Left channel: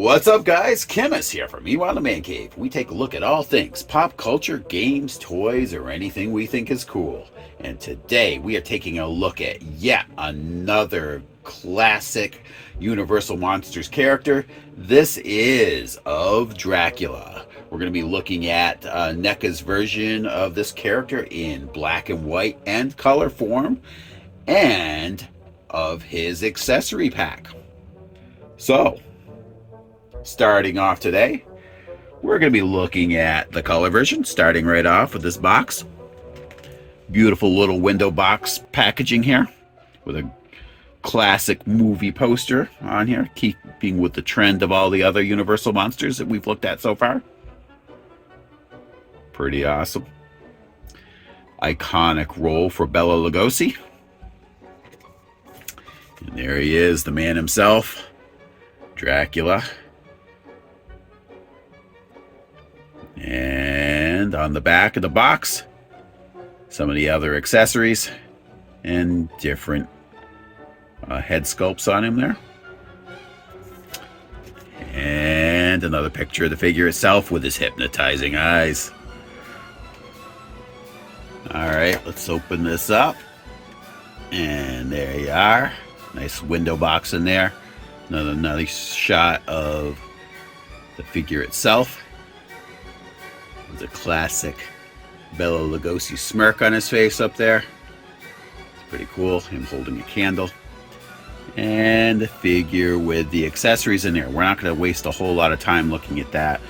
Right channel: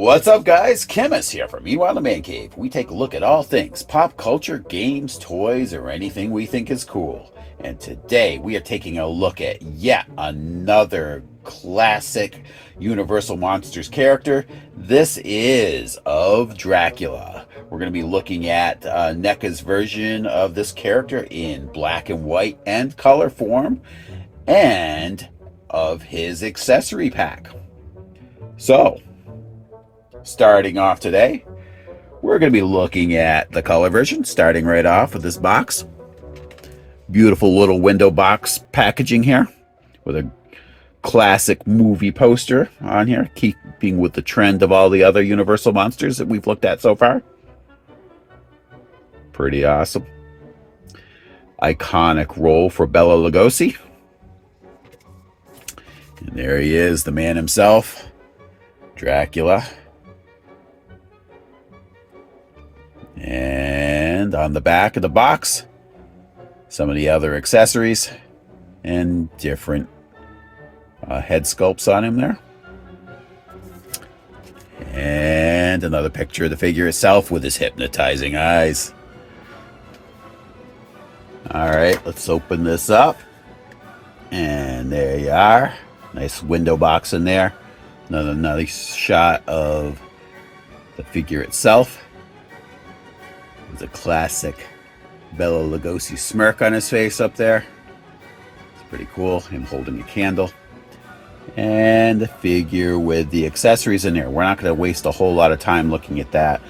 What's up, guys? Chemist here from Meanwhile the Man Cave. We take a look at all things pop culture, games, toys, or anything we think is cool. And today we are taking a look at yet another classic Universal Monsters character. This is of Dracula. We're going to be looking at NECA's version of this character in black and white and color form, and of his accessory pack. So, starting off today, we're going to be looking at the color version, starting right off with this box. Beautiful little window box packaging here with a classic movie poster on here, keeping with the trend of all the other Universal monsters that we've looked at so far. Pretty awesome. Iconic role for Bela Lugosi. And there he is, the man himself, Dracula. And on the back of the box, some of the other accessories and different head sculpts on him there. And another picture of the figure itself with his hypnotizing eyes. All right, let's open this up. And there you are. Nice window box in there. Another nice shot of the figure itself. There's a classic Bela Lugosi smirk on his face up there. It's pretty cool. Him holding a candle. And the figure with the accessories in there. We're not going to waste a whole lot of time looking at that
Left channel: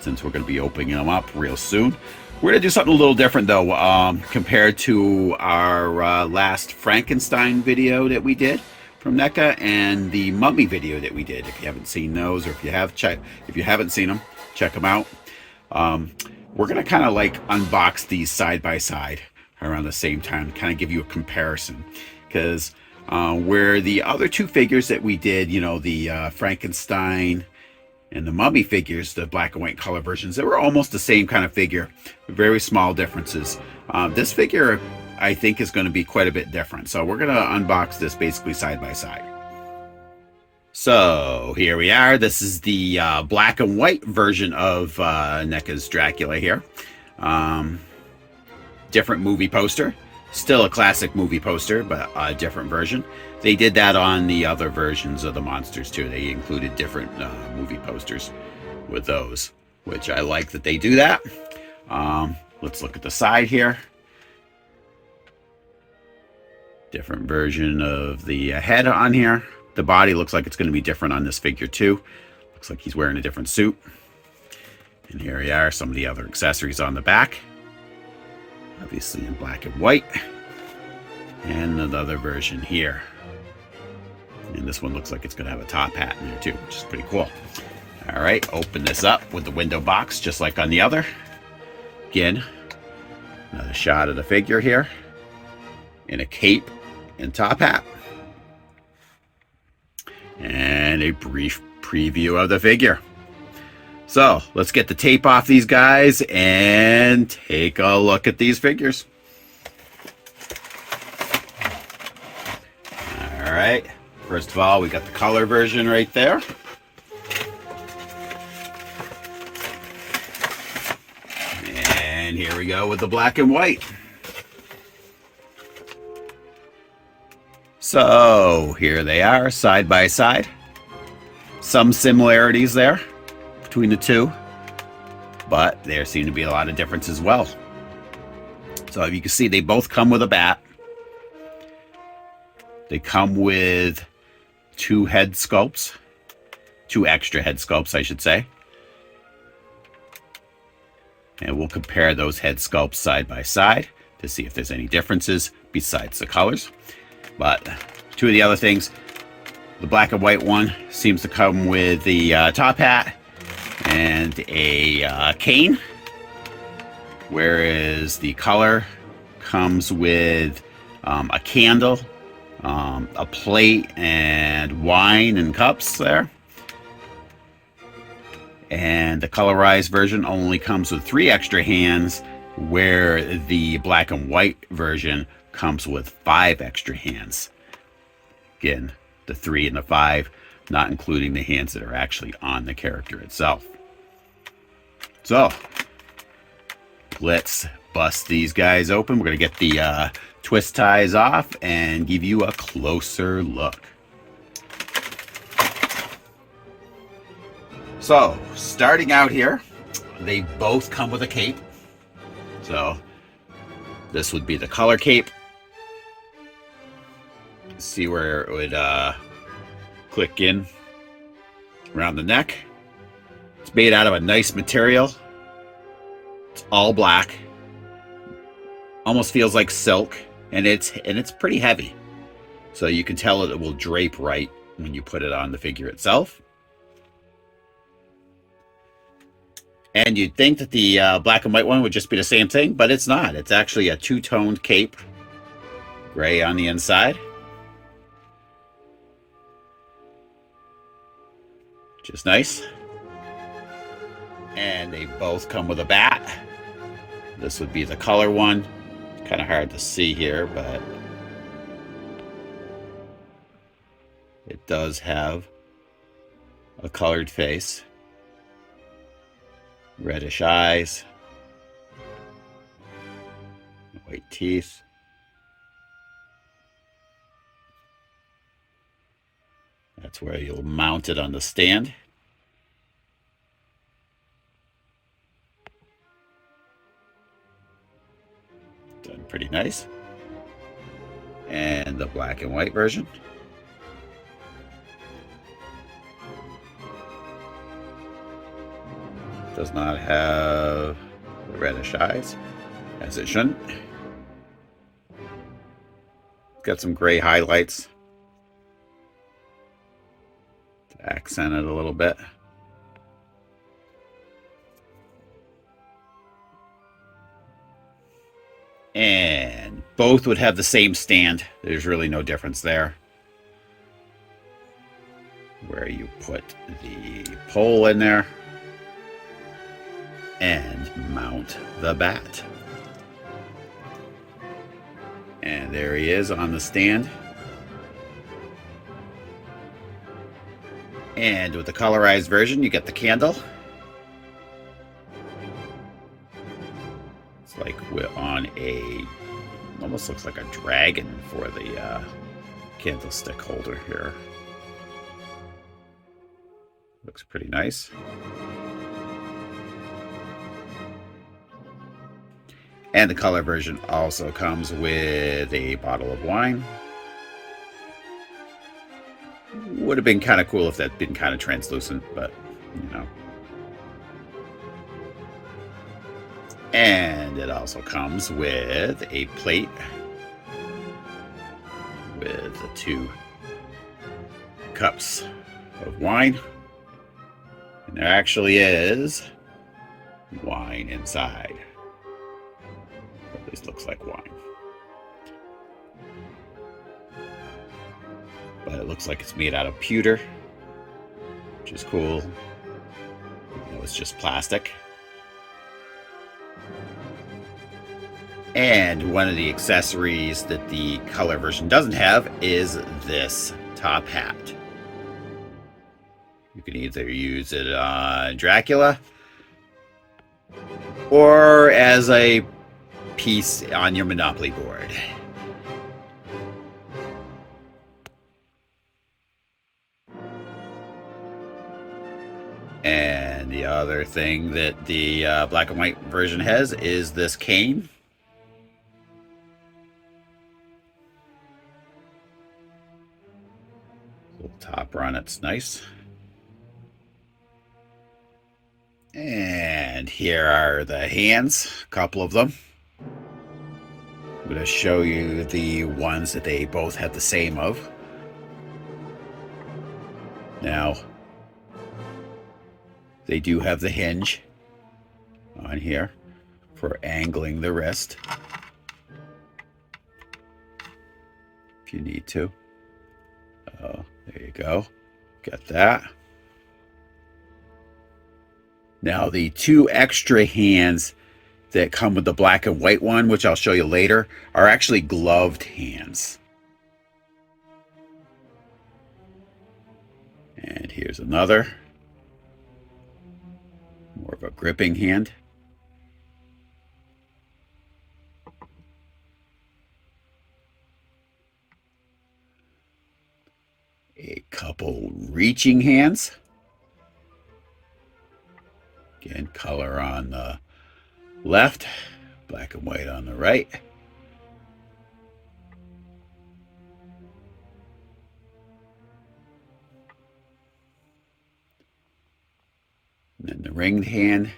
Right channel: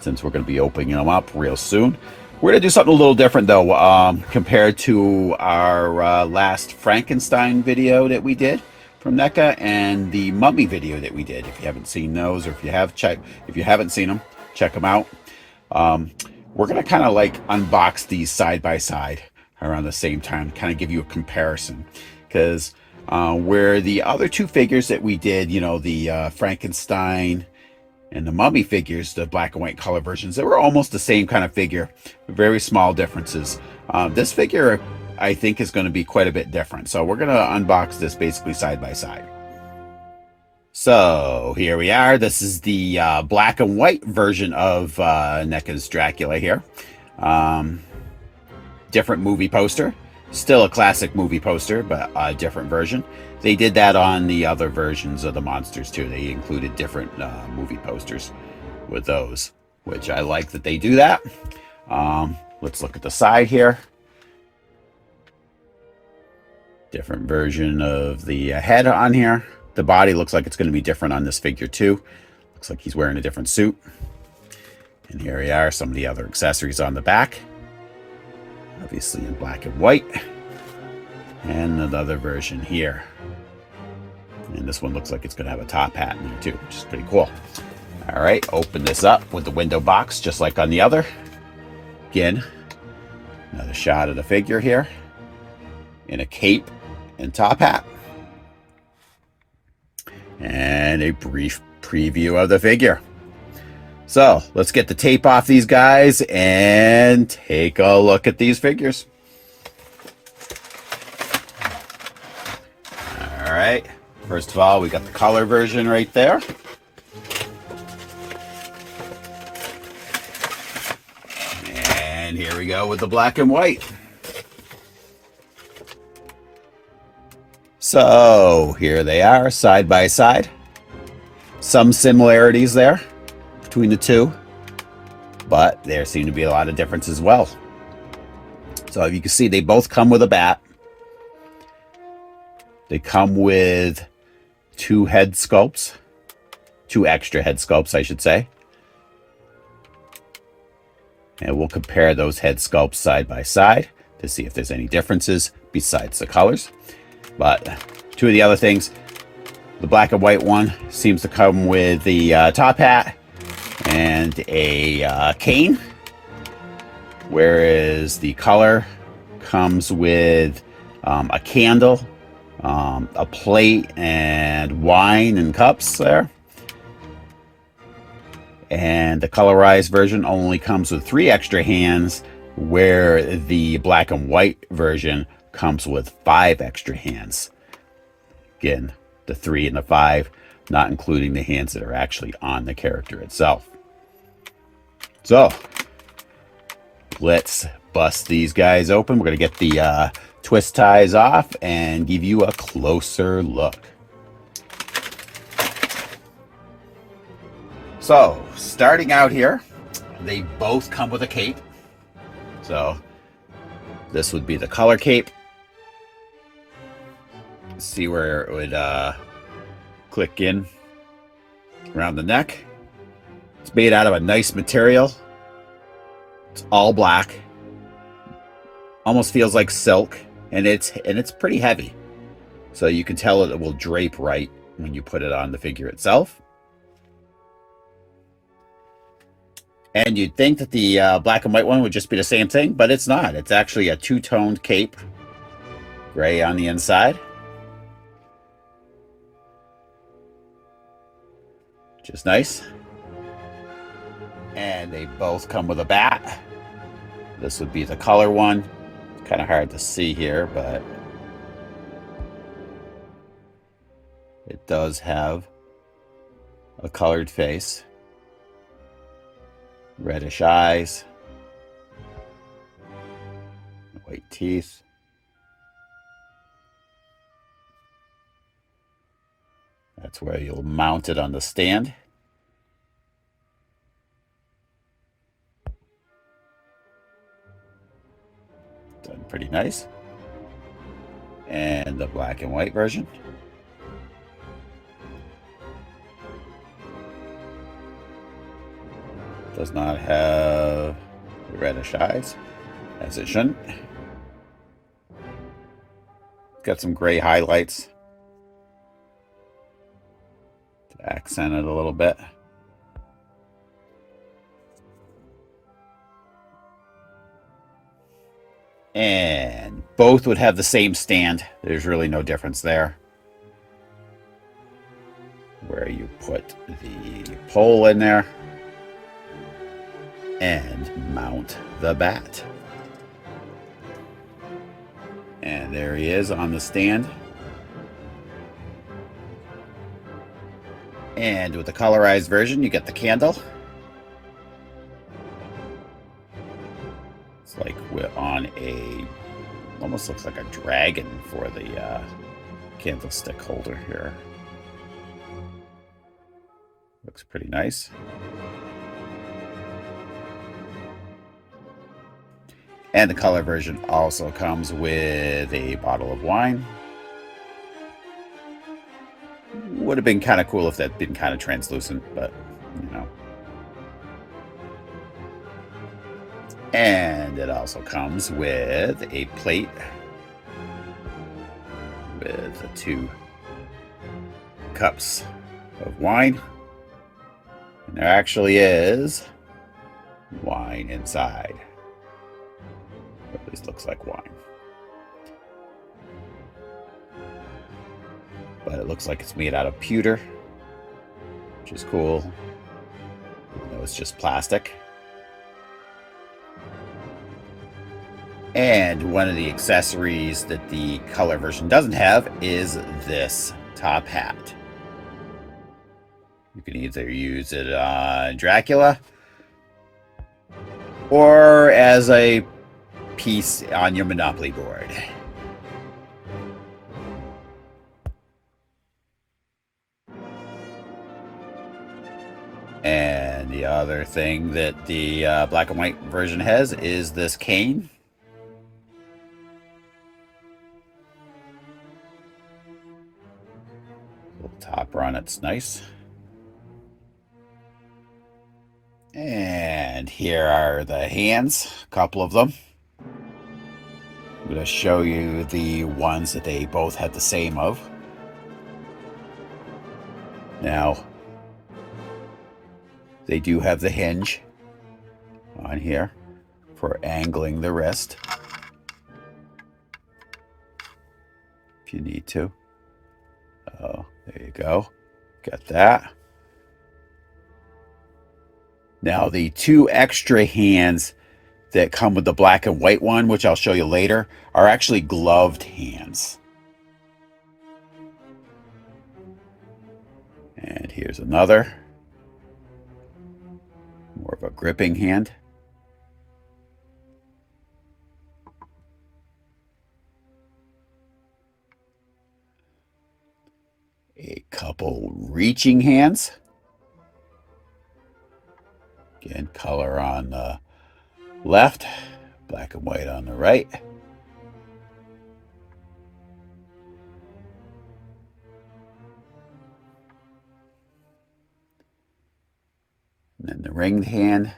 since we're going to be opening them up real soon. We're going to do something a little different though, compared to our last Frankenstein video that we did from NECA and the Mummy video that we did. If you haven't seen those, or if you haven't seen them, check them out. We're going to kind of like unbox these side by side around the same time, kind of give you a comparison. Because where the other two figures that we did, you know, the Frankenstein and the Mummy figures, the black and white color versions, they were almost the same kind of figure, very small differences. This figure, I think, is going to be quite a bit different. So we're going to unbox this basically side by side. So here we are. This is the black and white version of NECA's Dracula here. Different movie poster. Still a classic movie poster, but a different version. They did that on the other versions of the monsters too. They included different movie posters with those, which I like that they do that. Let's look at the side here. Different version of the head on here. The body looks like it's going to be different on this figure too. Looks like he's wearing a different suit. And here we are, some of the other accessories on the back. Obviously in black and white. And another version here. And this one looks like it's going to have a top hat in here too, which is pretty cool. All right, open this up with the window box, just like on the other. Again, another shot of the figure here in a cape and top hat. And a brief preview of the figure. So let's get the tape off these guys and take a look at these figures. All right. First of all, we got the color version right there. And here we go with the black and white. So here they are, side by side. Some similarities there between the two, but there seem to be a lot of difference as well. So you can see they both come with a bat. They come with two head sculpts, two extra head sculpts, I should say. And we'll compare those head sculpts side by side to see if there's any differences besides the colors. But two of the other things, the black and white one seems to come with the top hat and a cane, whereas the color comes with a candle, a plate, and wine and cups there. And the colorized version only comes with 3 extra hands, where the black and white version comes with 5 extra hands. Again, the 3 and the 5 not including the hands that are actually on the character itself. So let's bust these guys open. We're going to get the twist ties off and give you a closer look. So starting out here, they both come with a cape. So this would be the color cape. See where it would click in around the neck. It's made out of a nice material. It's all black. Almost feels like silk, and it's pretty heavy. So you can tell it will drape right when you put it on the figure itself. And you'd think that the black and white one would just be the same thing, but it's not. It's actually a two-toned cape. Gray on the inside. Which is nice. And they both come with a bat. This would be the color one. Kind of hard to see here, but it does have a colored face. Reddish eyes. White teeth. That's where you'll mount it on the stand. Done pretty nice. And the black and white version. Does not have reddish eyes, as it shouldn't. Got some gray highlights to accent it a little bit. And both would have the same stand. There's really no difference there. Where you put the pole in there and mount the bat. And there he is on the stand. And with the colorized version, you get the candle. It's like we're on a, almost looks like a dragon for the candlestick holder here. Looks pretty nice. And the color version also comes with a bottle of wine. Would have been kind of cool if that'd been kind of translucent, but you know. And it also comes with a plate with the 2 cups of wine. And there actually is wine inside. At least looks like wine. But it looks like it's made out of pewter, which is cool. Even though it's just plastic. And one of the accessories that the color version doesn't have is this top hat. You can either use it on Dracula or as a piece on your Monopoly board. And the other thing that the black and white version has is this cane. Little topper on it's nice. And here are the hands, a couple of them. I'm going to show you the ones that they both have the same of. Now, they do have the hinge on here for angling the wrist, if you need to. Oh, there you go. Got that. Now, the 2 extra hands that come with the black and white one, which I'll show you later, are actually gloved hands. here's another. More of a gripping hand. A couple reaching hands. Again, color on the left, black and white on the right. And then the ringed hand,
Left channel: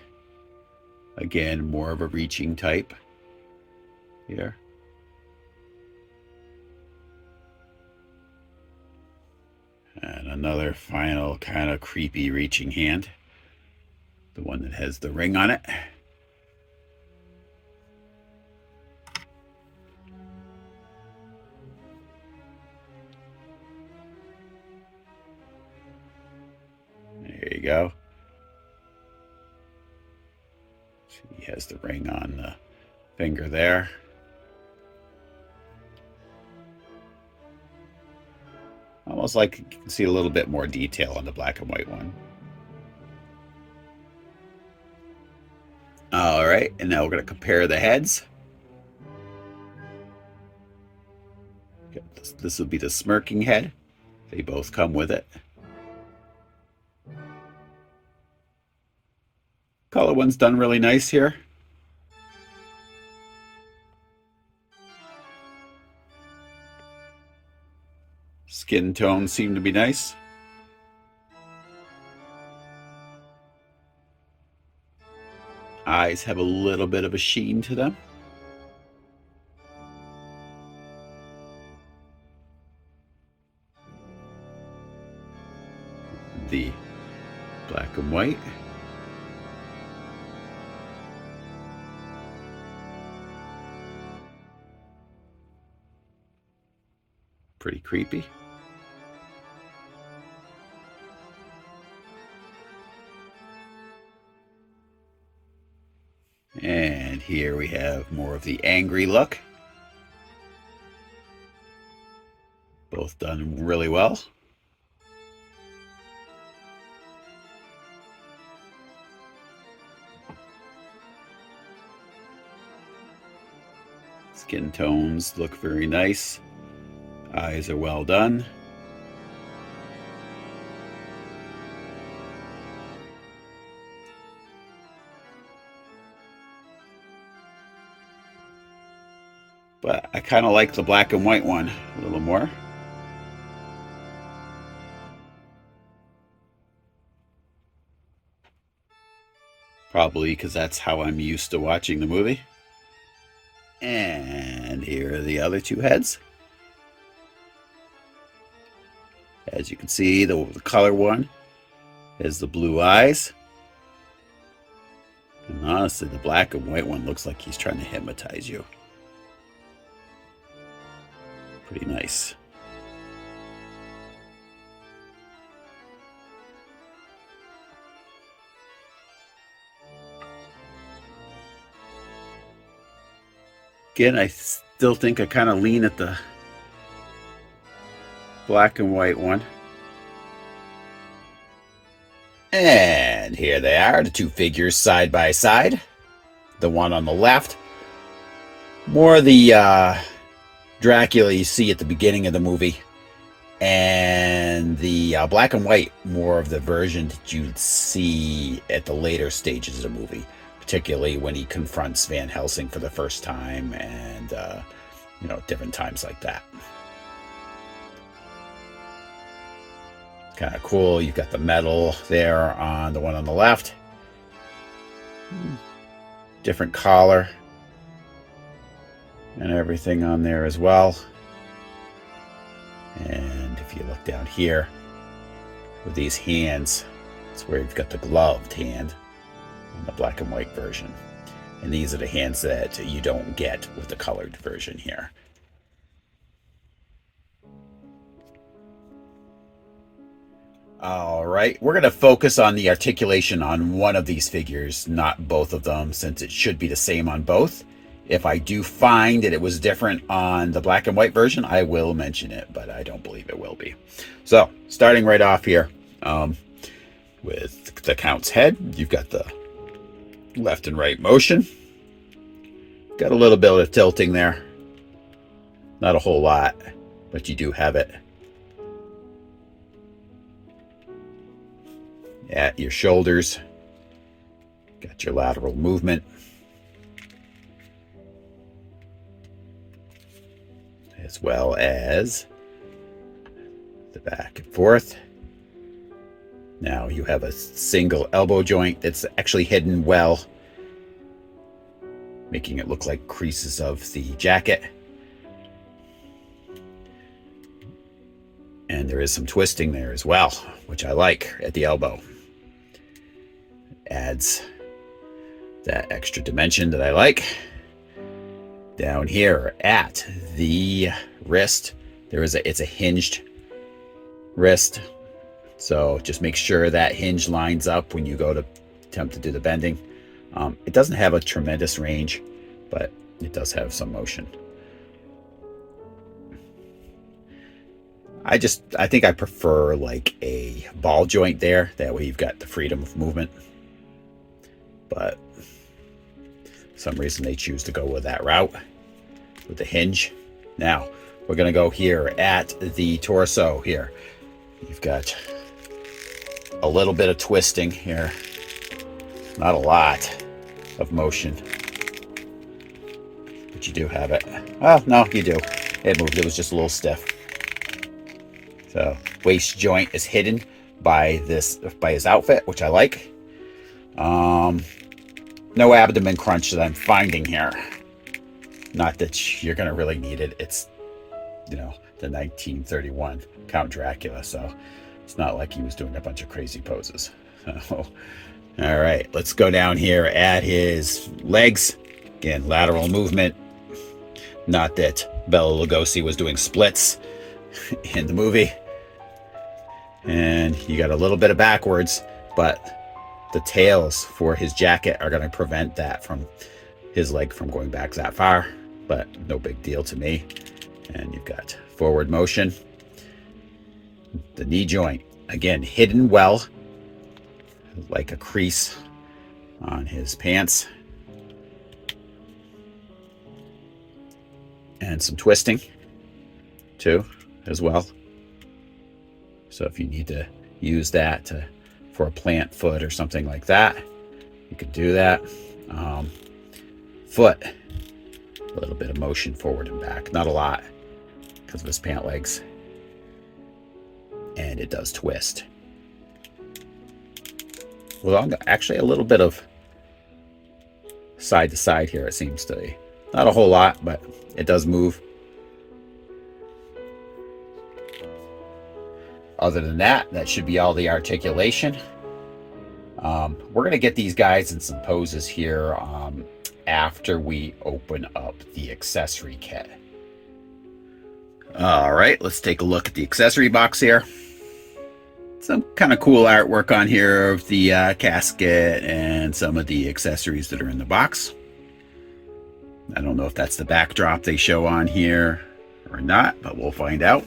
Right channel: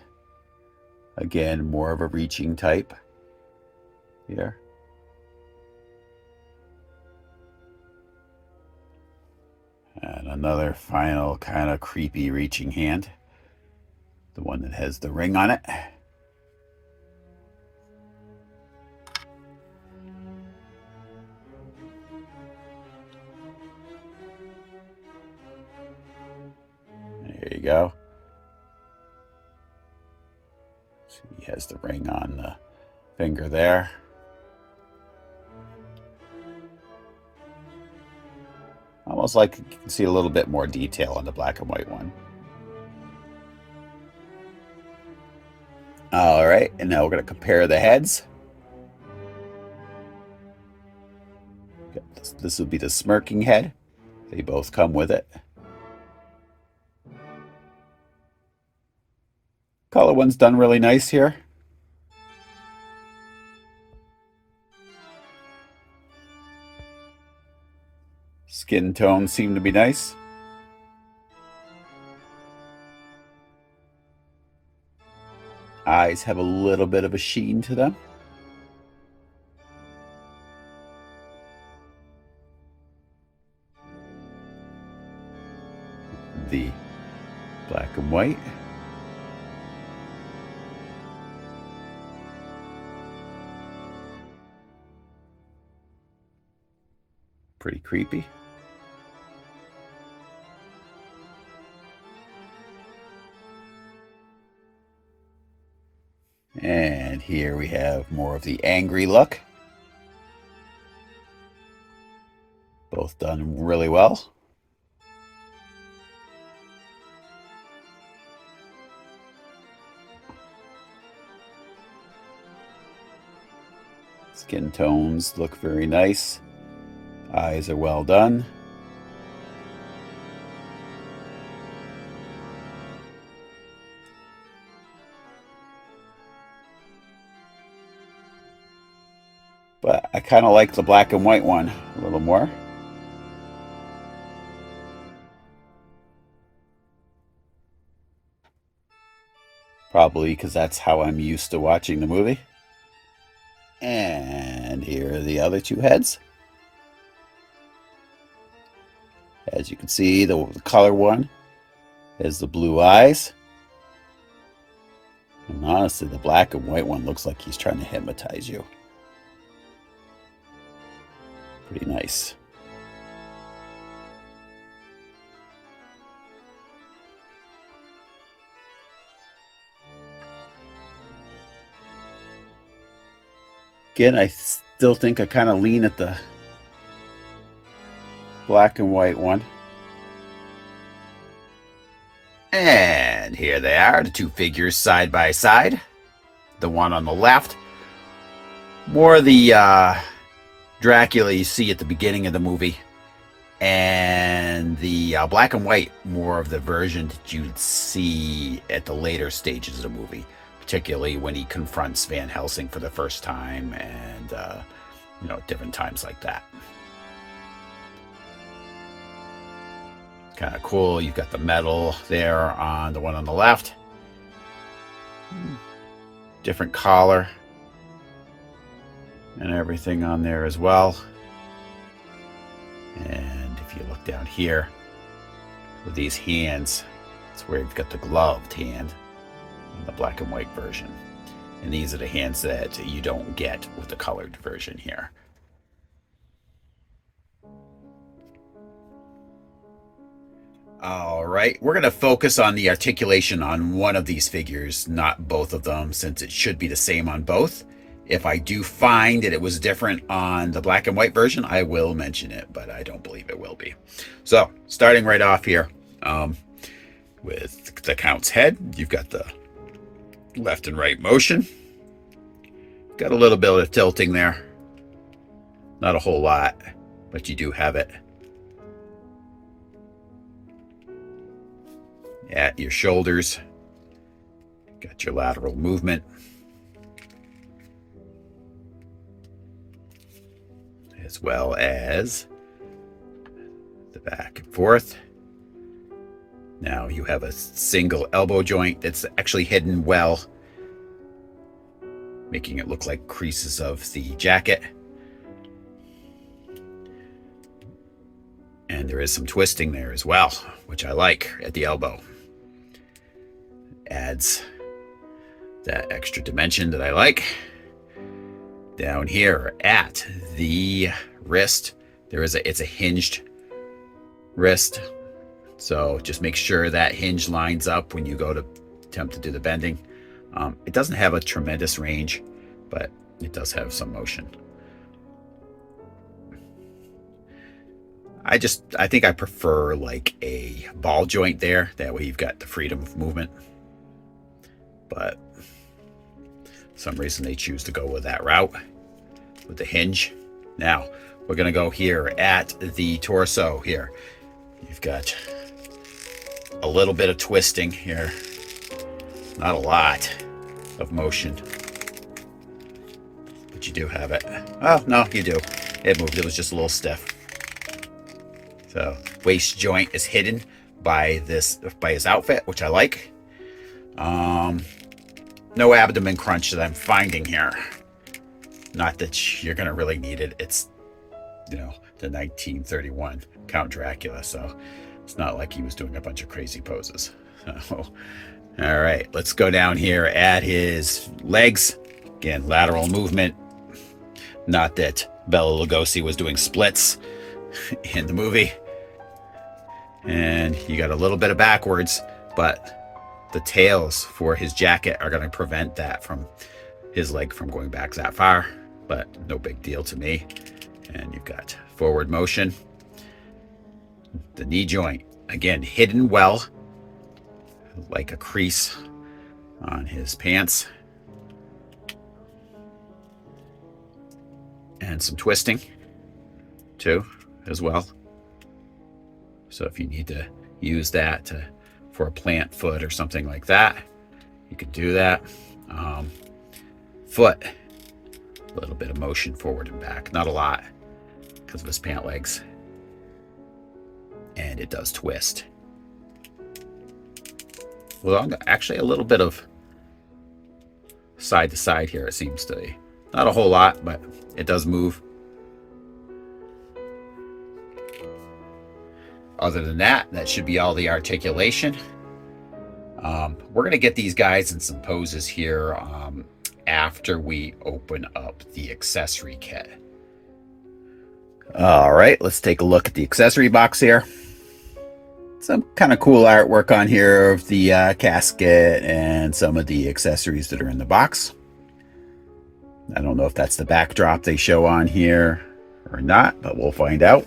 again, more of a reaching type here. And another final kind of creepy reaching hand, the one that has the ring on it. There you go. He has the ring on the finger there. Almost like you can see a little bit more detail on the black and white one. All right, and now we're going to compare the heads. This would be the smirking head. They both come with it. Color one's done really nice here. Skin tones seem to be nice. Eyes have a little bit of a sheen to them. The black and white. Pretty creepy. And here we have more of the angry look. Both done really well. Skin tones look very nice. Eyes are well done. But I kind of like the black and white one a little more. Probably because that's how I'm used to watching the movie. And here are the other two heads. As you can see, the color one has the blue eyes. And honestly, the black and white one looks like he's trying to hypnotize you. Pretty nice. Again, I still think I kind of lean at the black and white one. And here they are, the two figures side by side. The one on the left, more the Dracula you see at the beginning of the movie, and the black and white, more of the version that you'd see at the later stages of the movie, particularly when he confronts Van Helsing for the first time, and you know, different times like that. Kind of cool. You've got the metal there on the one on the left. Different collar and everything on there as well. And if you look down here with these hands, it's where you've got the gloved hand on the black and white version. And these are the hands that you don't get with the colored version here. All right, we're going to focus on the articulation on one of these figures, not both of them, since it should be the same on both. If I do find that it was different on the black and white version, I will mention it, but I don't believe it will be. So, starting right off here, With the count's head, you've got the left and right motion. Got a little bit of tilting there. Not a whole lot, but you do have it. At your shoulders, got your lateral movement. As well as the back and forth. Now you have a single elbow joint that's actually hidden well, making it look like creases of the jacket. And there is some twisting there as well, which I like at the elbow. Adds that extra dimension that I like. Down here at the wrist, it's a hinged wrist. So just make sure that hinge lines up when you go to attempt to do the bending. It doesn't have a tremendous range, but it does have some motion. I think I prefer like a ball joint there. That way you've got the freedom of movement. But for some reason they choose to go with that route with the hinge. Now we're gonna go here at the torso here. You've got a little bit of twisting here. Not a lot of motion, but you do have it. Oh, no, you do. It moved. It was just a little stiff. So waist joint is hidden by his outfit, which I like. No abdomen crunch that I'm finding here. Not that you're gonna really need it. It's, you know, the 1931 Count Dracula, so it's not like he was doing a bunch of crazy poses. So, all right, let's go down here at his legs. Again, lateral movement. Not that Bela Lugosi was doing splits in the movie. And you got a little bit of backwards, but the tails for his jacket are going to prevent that from his leg from going back that far, but no big deal to me. And you've got forward motion. The knee joint, again, hidden well, like a crease on his pants. And some twisting too, as well. So if you need to use that for a plant foot or something like that, you can do that. Foot, a little bit of motion forward and back, not a lot because of his pant legs. And it does twist. Well, actually a little bit of side to side here, it seems to be. Not a whole lot, but it does move. Other than that, that should be all the articulation. We're going to get these guys in some poses here after we open up the accessory kit. All right, let's take a look at the accessory box here. Some kind of cool artwork on here of the casket and some of the accessories that are in the box. I don't know if that's the backdrop they show on here or not, but we'll find out.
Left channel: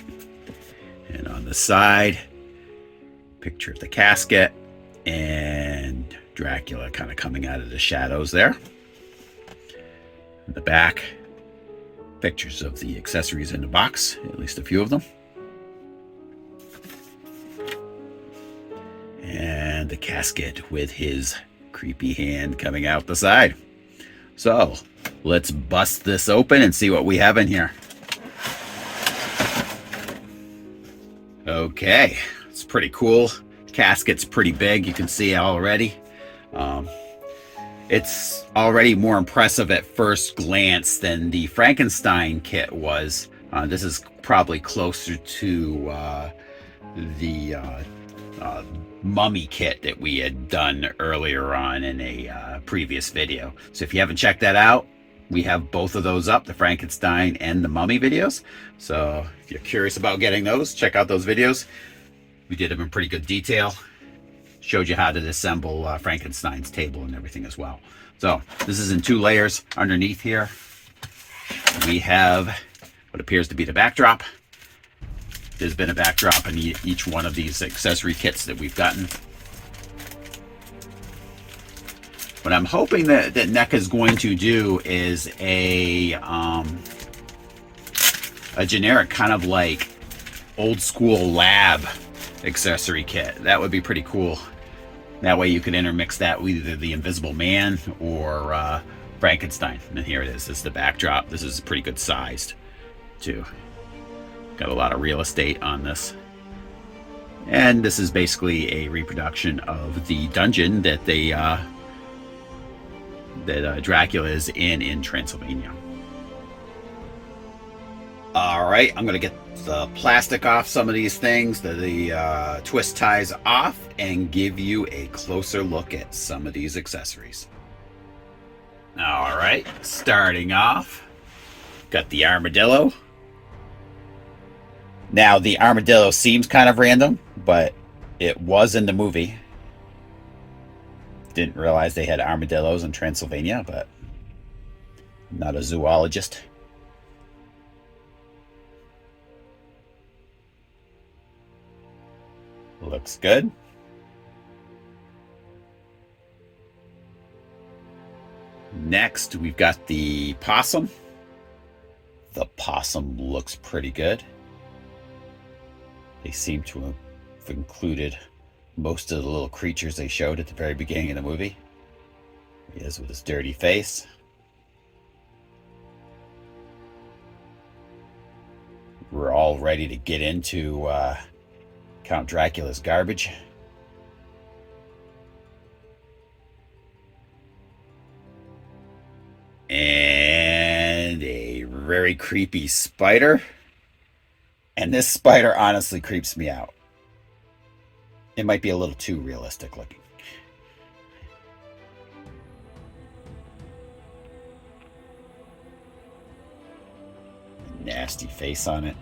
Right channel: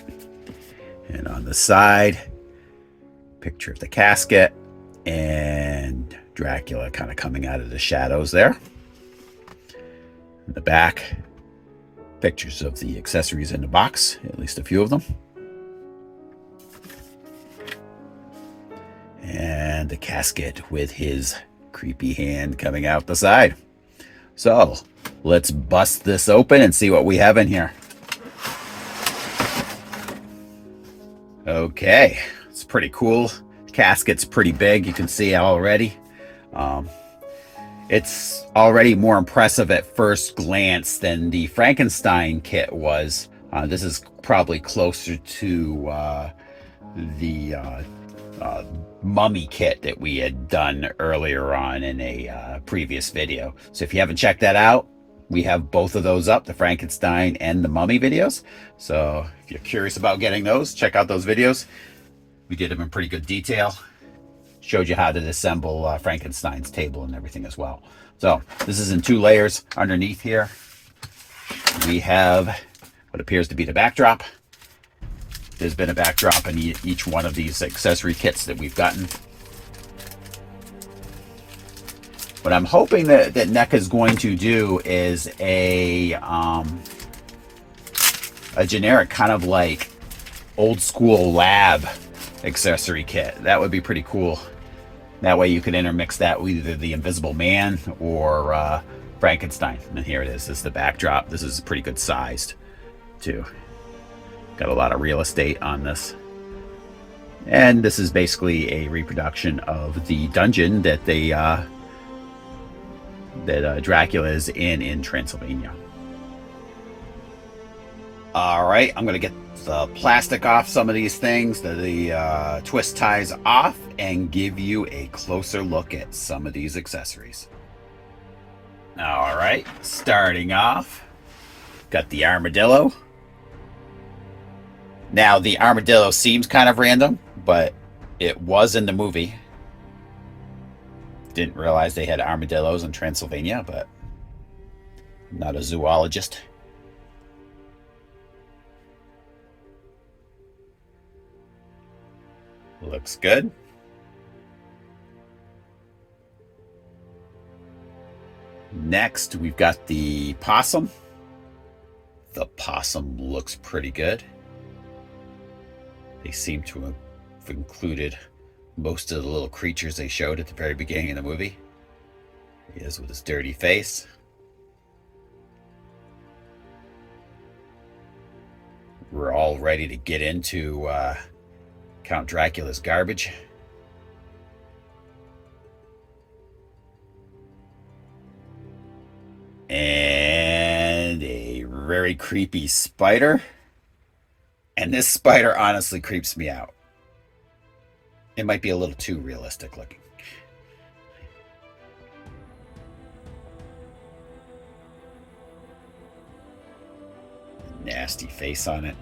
And on the side, picture of the casket and Dracula kind of coming out of the shadows there. In the back, pictures of the accessories in the box, at least a few of them. And the casket with his creepy hand coming out the side. So let's bust this open and see what we have in here. Okay, it's pretty cool. Casket's pretty big, you can see already. It's already more impressive at first glance than the Frankenstein kit was. This is probably closer to the mummy kit that we had done earlier on in a previous video. So if you haven't checked that out, we have both of those up, the Frankenstein and the mummy videos. So if you're curious about getting those, check out those videos. We did them in pretty good detail. Showed you how to assemble Frankenstein's table and everything as well. So this is in 2 layers. Underneath here, we have what appears to be the backdrop. there's been a backdrop in each one of these accessory kits that we've gotten. What I'm hoping that Neca is going to do is a generic kind of like old school lab accessory kit. That would be pretty cool. That way you could intermix that with either the Invisible Man or Frankenstein. And here it is. This is the backdrop. This is pretty good sized too. Got a lot of real estate on this. And this is basically a reproduction of the dungeon that Dracula is in Transylvania. All right, I'm going to get the plastic off some of these things, the twist ties off, and give you a closer look at some of these accessories. All right, starting off, got the armadillo. Now, the armadillo seems kind of random, but it was in the movie. Didn't realize they had armadillos in Transylvania, but I'm not a zoologist. Looks good. Next, we've got the possum. The possum looks pretty good. They seem to have included most of the little creatures they showed at the very beginning of the movie. He is with his dirty face. We're all ready to get into Count Dracula's garbage. And a very creepy spider. And this spider honestly creeps me out. It might be a little too realistic looking. Nasty face on it.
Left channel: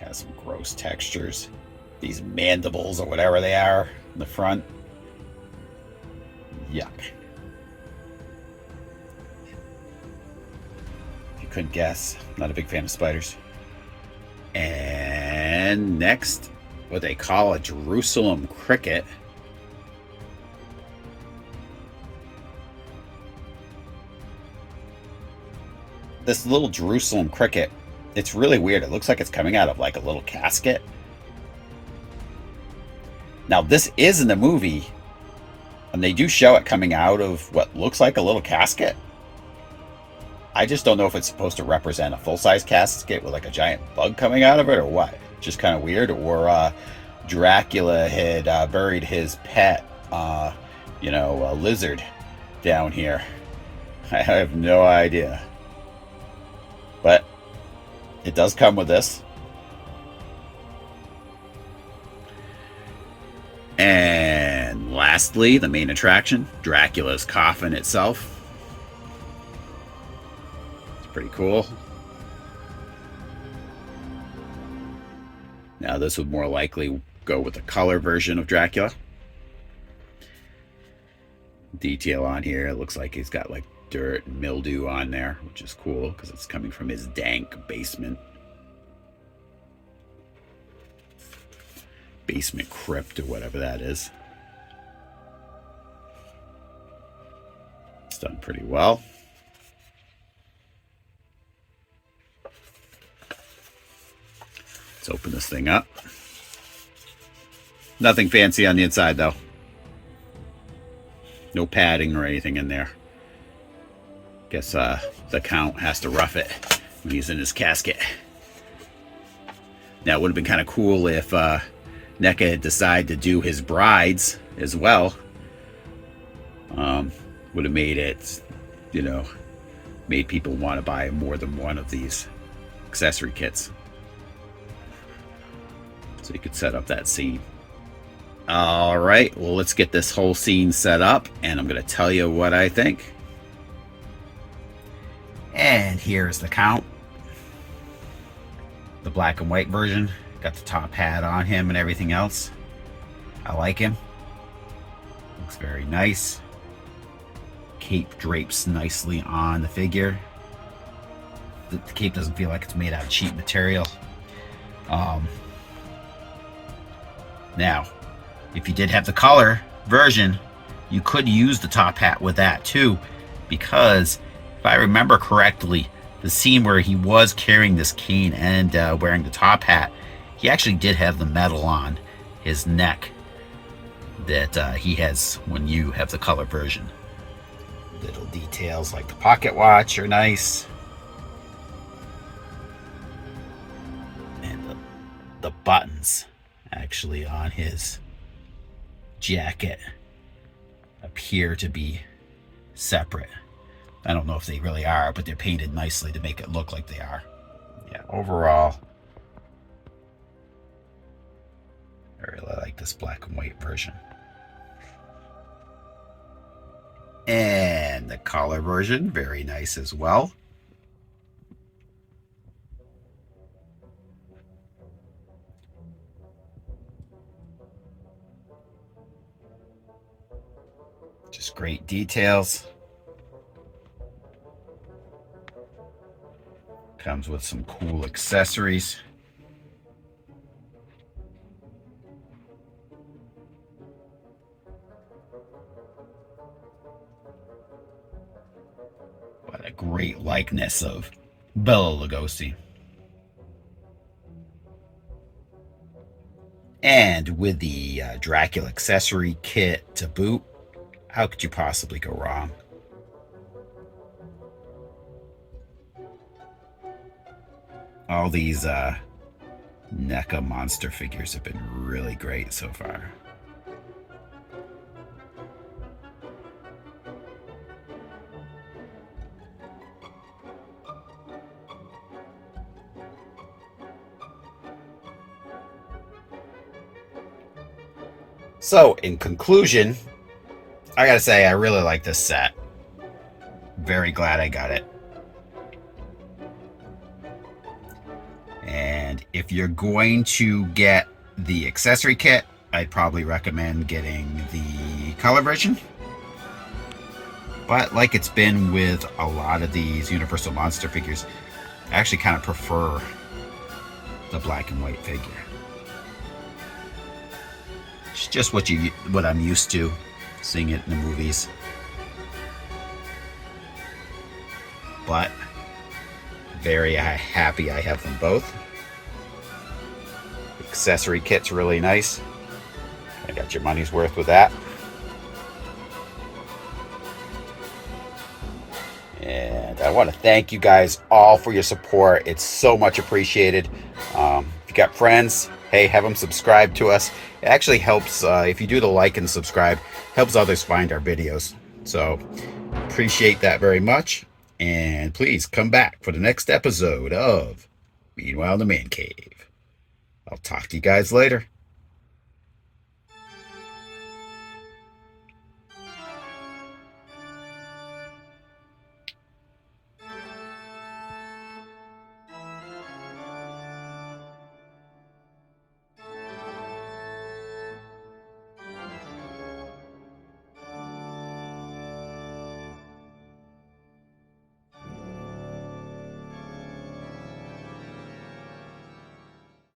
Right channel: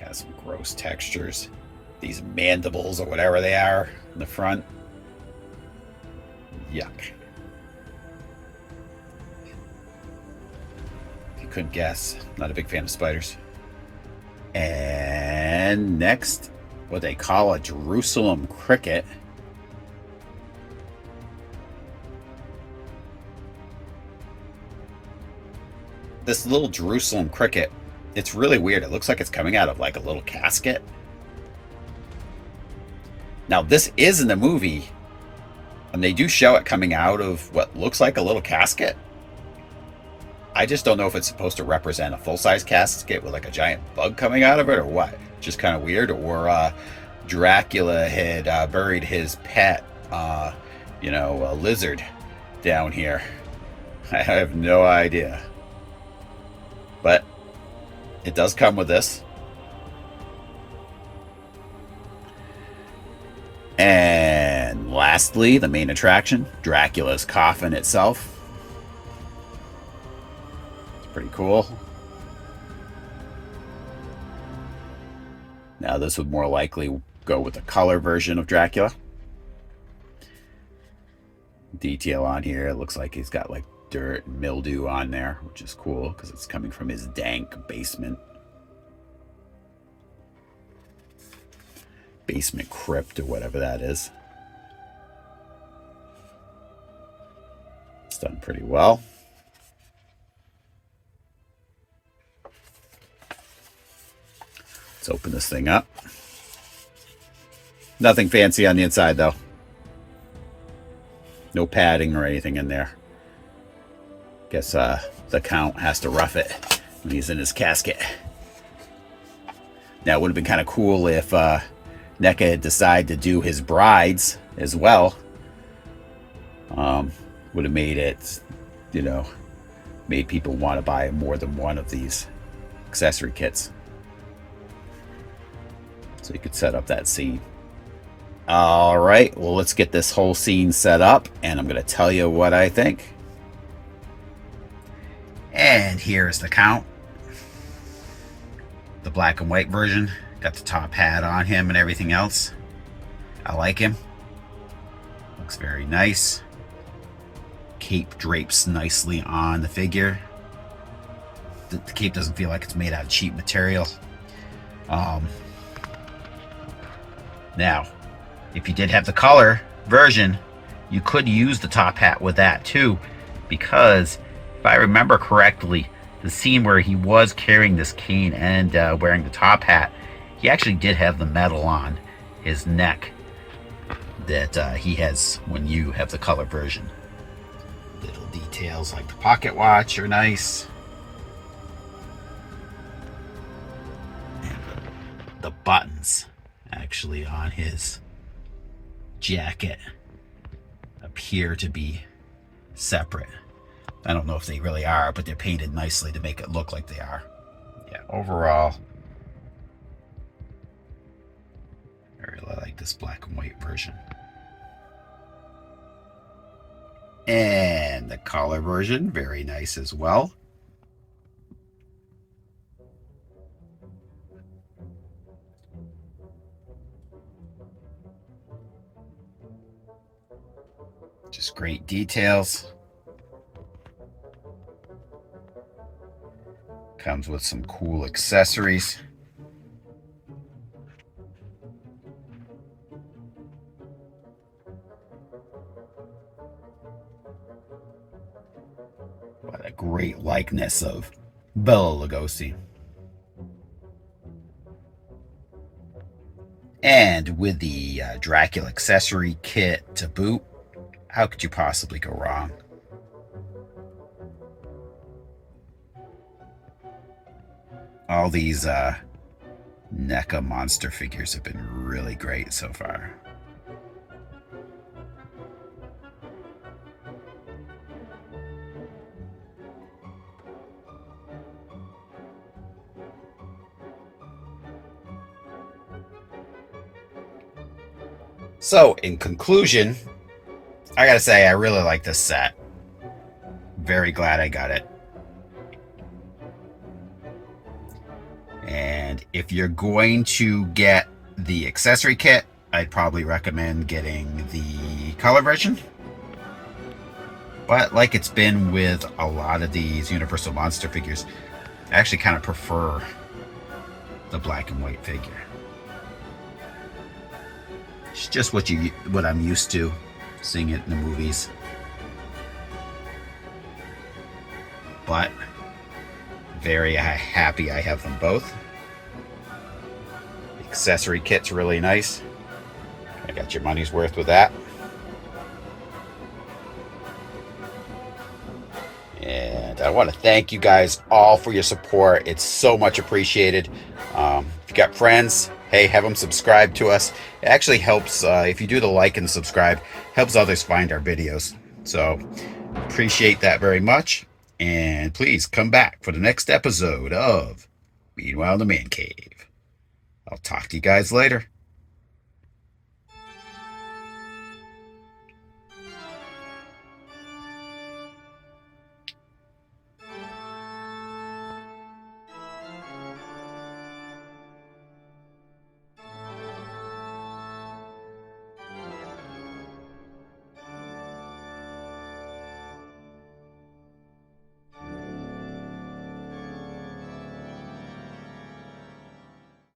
Got some gross textures. These mandibles or whatever they are in the front. Yuck. If you couldn't guess, I'm not a big fan of spiders. And next, what they call a Jerusalem cricket. This little Jerusalem cricket, it's really weird. It looks like it's coming out of like a little casket. Now, this is in the movie, and they do show it coming out of what looks like a little casket. I just don't know if it's supposed to represent a full-size casket with like a giant bug coming out of it or what. Just kind of weird. Or Dracula had buried his pet, a lizard down here. I have no idea. But it does come with this. And lastly, the main attraction, Dracula's coffin itself. It's pretty cool. Now this would more likely go with the color version of Dracula. Detail on here, it looks like he's got like dirt and mildew on there, which is cool because it's coming from his dank basement crypt or whatever that is. It's done pretty well. Let's open this thing up. Nothing fancy on the inside though. No padding or anything in there. Guess the Count has to rough it when he's in his casket. Now, it would have been kind of cool if Neca had decided to do his brides as well. Would have made it, made people want to buy more than one of these accessory kits. So you could set up that scene. All right, well, let's get this whole scene set up, and I'm going to tell you what I think. And here's the Count. The black and white version. Got the top hat on him and everything else. I like him. Looks very nice. Cape drapes nicely on the figure. the cape doesn't feel like it's made out of cheap material. Now, if you did have the color version, you could use the top hat with that too, because if I remember correctly, the scene where he was carrying this cane and wearing the top hat, he actually did have the metal on his neck that he has when you have the color version. Little details like the pocket watch are nice. And the buttons actually on his jacket appear to be separate. I don't know if they really are, but they're painted nicely to make it look like they are. Yeah, overall, I really like this black and white version. And the color version, very nice as well. Just great details. Comes with some cool accessories. What a great likeness of Bela Lugosi. And with the Dracula accessory kit to boot, how could you possibly go wrong? All these NECA monster figures have been really great so far. So, in conclusion, I gotta say, I really like this set. Very glad I got it. And if you're going to get the accessory kit, I'd probably recommend getting the color version. But like it's been with a lot of these Universal Monster figures, I actually kind of prefer the black and white figure. It's just what I'm used to seeing it in the movies. But very happy I have them both. The accessory kit's really nice. I got your money's worth with that. And I want to thank you guys all for your support. It's so much appreciated. If you got friends, hey, have them subscribe to us. It actually helps, if you do the like and subscribe, helps others find our videos. So appreciate that very much. And please come back for the next episode of Meanwhile in the Man Cave. I'll talk to you guys later.